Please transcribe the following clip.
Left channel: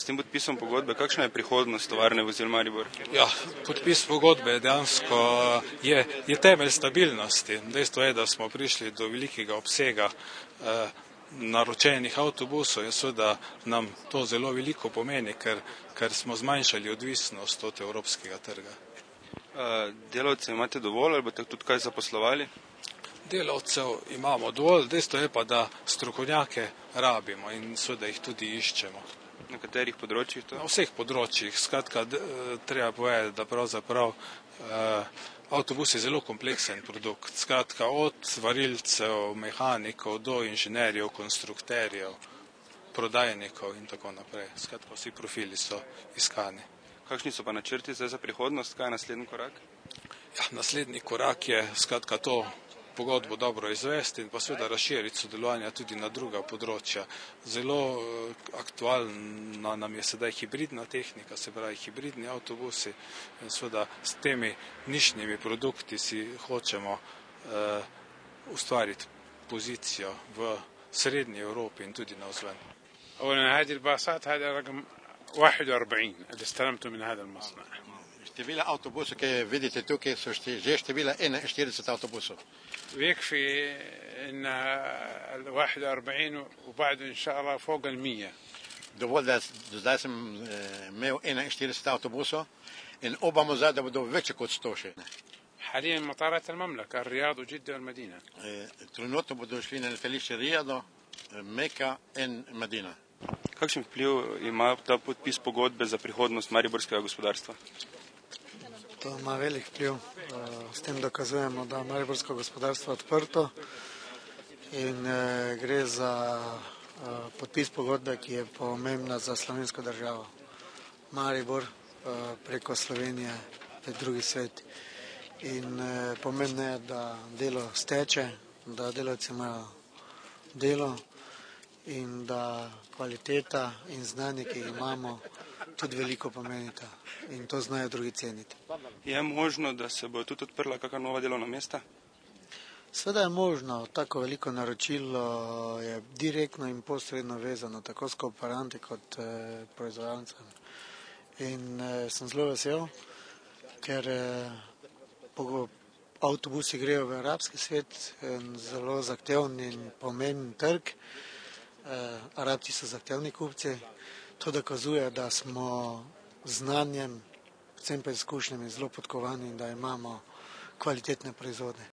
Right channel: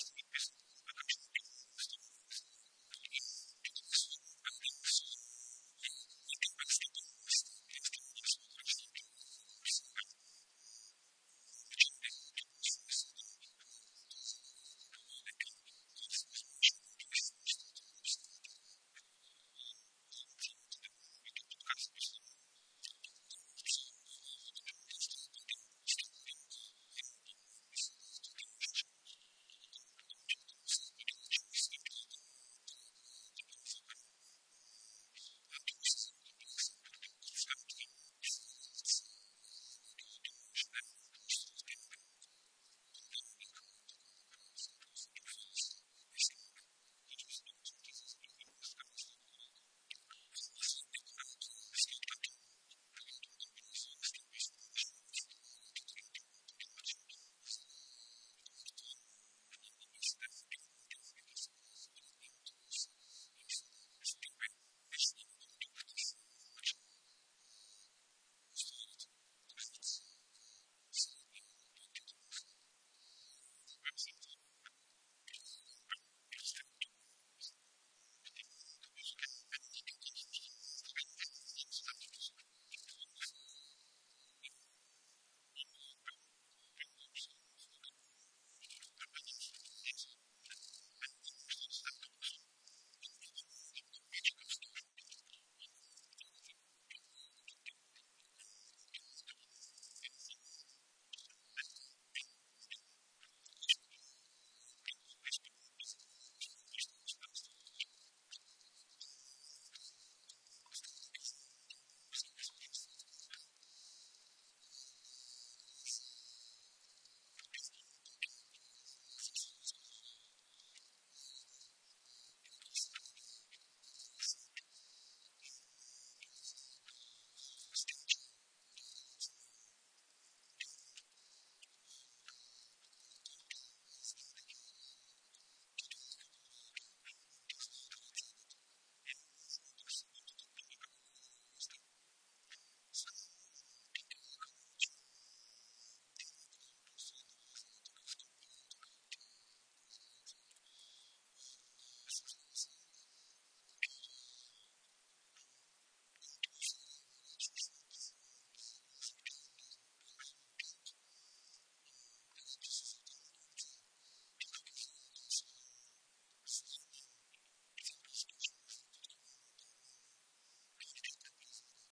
S tem podpisom pogodbe, kakšna je prihodnost tovarne vozil Maribor? Ja, podpis pogodbe dejansko je temelj stabilnosti. Dejstvo je, da smo prišli do velikega obsega naročenih avtobusov in seveda nam to zelo veliko pomeni, ker smo zmanjšali odvisnost od evropskega trga. Delavce imate dovolj ali boste tudi kaj zaposlovali? Delavcev imamo dovolj, dejstvo je pa, da strokovnjake rabimo in seveda jih tudi iščemo. Na katerih področjih to? Na vseh področjih. Skratka, treba povedati, da pravzaprav avtobus je zelo kompleksen produkt. Skratka, od varilcev, mehanikov do inženirjev, konstrukterjev, prodajnikov in tako naprej. Skratka, vsi profili so iskani. Kakšni so pa načrti za prihodnost? Kaj je naslednji korak? Ja, naslednji korak je skratka to pogodbo dobro izvesti in pa seveda razširiti sodelovanja tudi na druga področja. Zelo aktualna nam je sedaj hibridna tehnika, se pravi hibridni avtobusi. In seveda s temi nišnjimi produkti si hočemo ustvariti pozicijo v srednji Evropi in tudi navzven. هذه الباصات هذا رقم 41 اللي استلمته من هذا المصنع. Števila avtobusov, ki vidite tukaj, so že števila 41 avtobusov. ويكفي ان ال 41 وبعد ان شاء الله فوق ال 100. Dovolj, da zdaj sem imel 41 avtobusov in upamo zdaj, da bodo več kot 100 še. حاليا مطارات المملكة الرياض وجدة والمدينة. Trenutno bodo šli na letališče Rijado, Meka in Medina. Kakšen vpliv ima ta podpis pogodbe za prihodnost mariborskega gospodarstva? To ima velik vpliv. S tem dokazujemo, da je mariborsko gospodarstvo odprto in gre za podpis pogodbe, ki je pomembna za slovensko državo. Maribor preko Slovenije je drugi svet. In pomembno je, da delo steče, da delavci imajo delo in da kvaliteta in znanje, ki jih imamo, tudi veliko pomenita in to znajo drugi ceniti. Je možno, da se bo tudi odprla kakšna nova delovna mesta? Sveda je možno, tako veliko naročilo je direktno in posredno vezano tako s kooperanti kot proizvajalcem. In sem zelo vesel, ker avtobusi grejo v arabski svet, zelo zahteven in pomemben trg. Arabci so zahtevni kupci. To dokazuje, da smo znanjem, predvsem pa izkušnjami zelo podkovani in da imamo kvalitetne proizvode.